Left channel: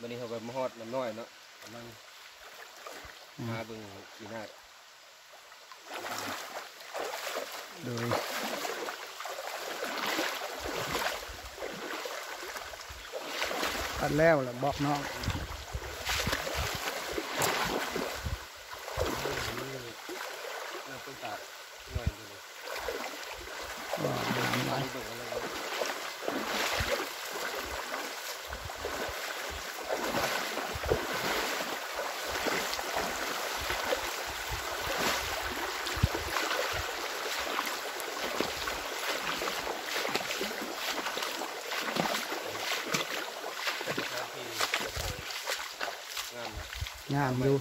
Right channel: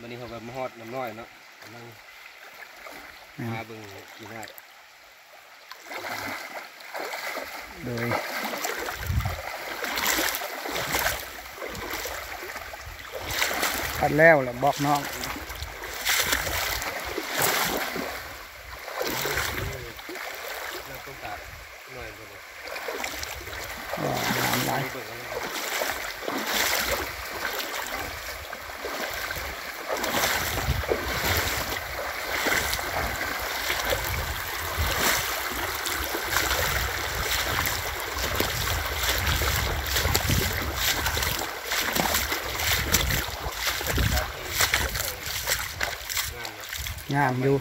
วันนี้เขาแบบมาฮอดน้ำน้อยเนาะกำลังมาเบิ่งกีน่าโดยพัดแล้วแหละบอกน้องน้ำต้นตาลหน่อยเลย น้ำไหลงามอยู่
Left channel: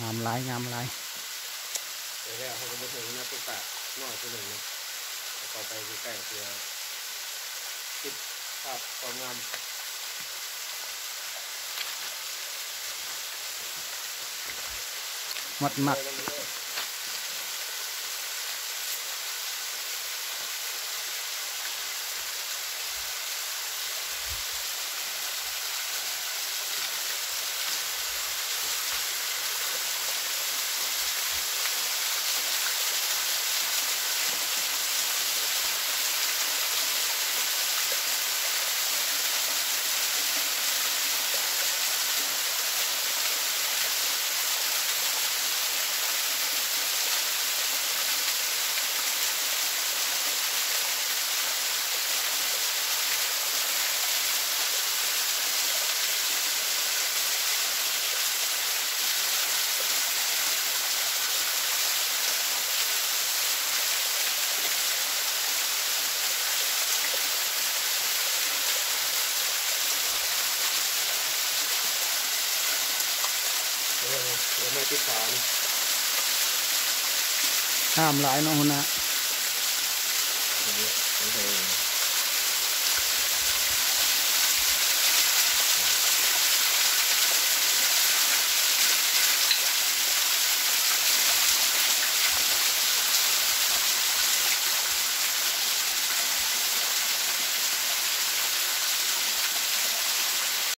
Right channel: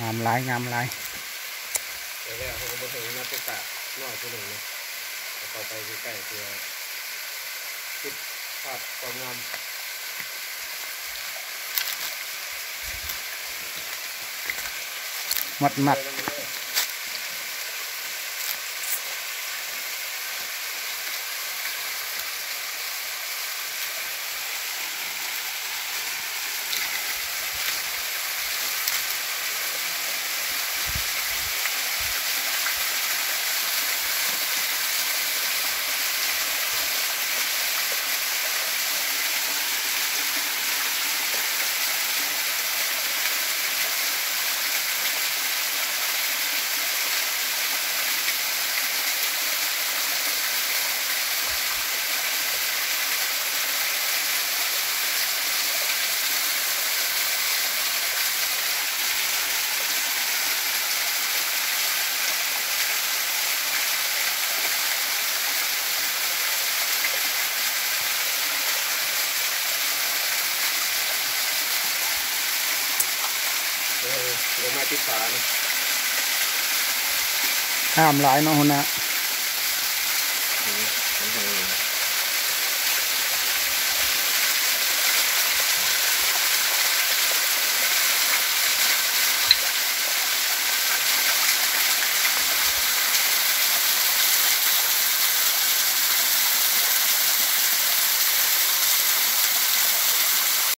งามหลายงามหลายเดี๋ยวเขาก็มาถึงน้ำต้นตาลน้อยตัวหนึ่งนะต่อไปใกล้ๆเพื่อติดภาพความงามมัดเดี๋ยวมาติดฝานะงามหลายเนาะหัวหน้า